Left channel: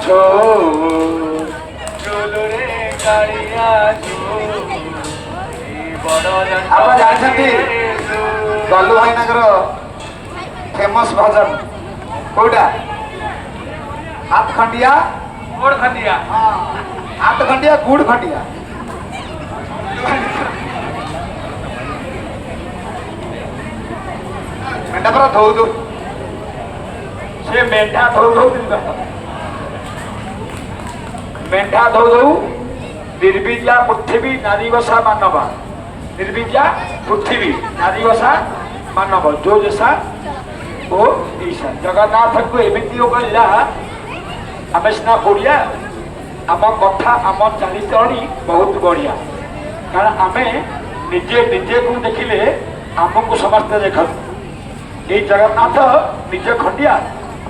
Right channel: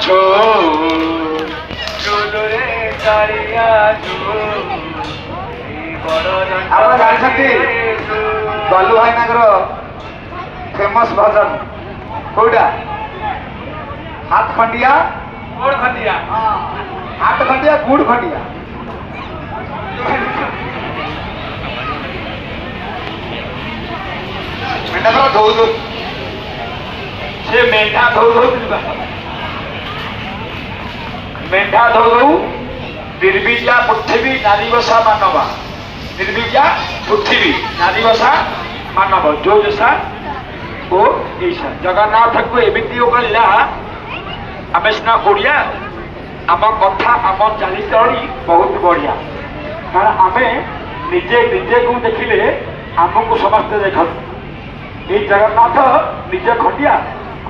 छो चुलुरे कालिया छो आप जानते दलु भाईना फेमस भजन कौटा हाथ खंडिया गोड़ खंडिया हाथ खंडिया गुड़ खंडिया मेंढा धोऊ दो से मेंढा धोऊ मेंढा धोऊ निर्बीजा पृथ्वी नारीवसा मानव निर्बीजा पृथ्वी नारीवसा मानव जो जैसा वो ऐसा जगन्नाथ को एमती कहला आम सीना ओडिया आम कथा आम चरितरी बहुत बढ़िया कारण आम निजे निजे को देखिले आमको समस्ते देखते ये जगन्नाथ निजे खंडिया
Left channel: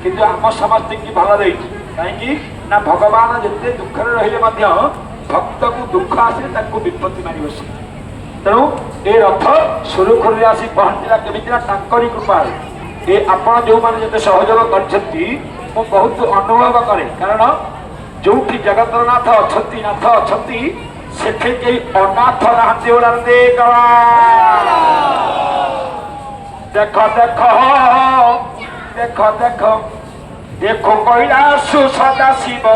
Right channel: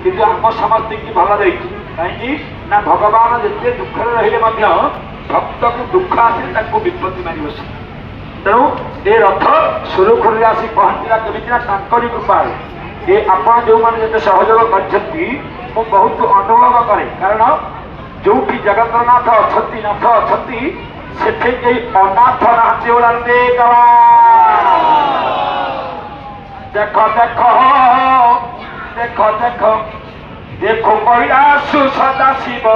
किंतु आम समस्त की भल दे कहीं ना भगवान जिते दुख रही भक्त को दुख आसे विपत्ति मारी बस तेणु ये रथ सुरखुरी आसी पहुंचला केमी कृपा ये आपण जो मैंने सहयोग कर बहुत अनुभव करे कारण जो जगतनाथ अच्छा नाथ अच्छा से अनाथ राहते देख देख देख देख देखो कैलाश सदा शिव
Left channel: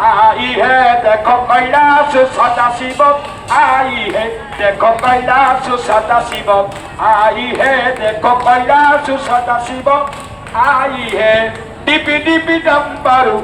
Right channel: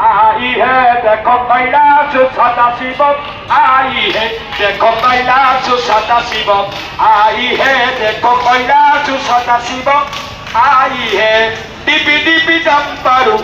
आई है देखो कैलाश सदा शिव आई है देखो कैलाश सदा शिव आई है देखो कैलाश सदा शिव आई है डिपी डिपी डम्बरू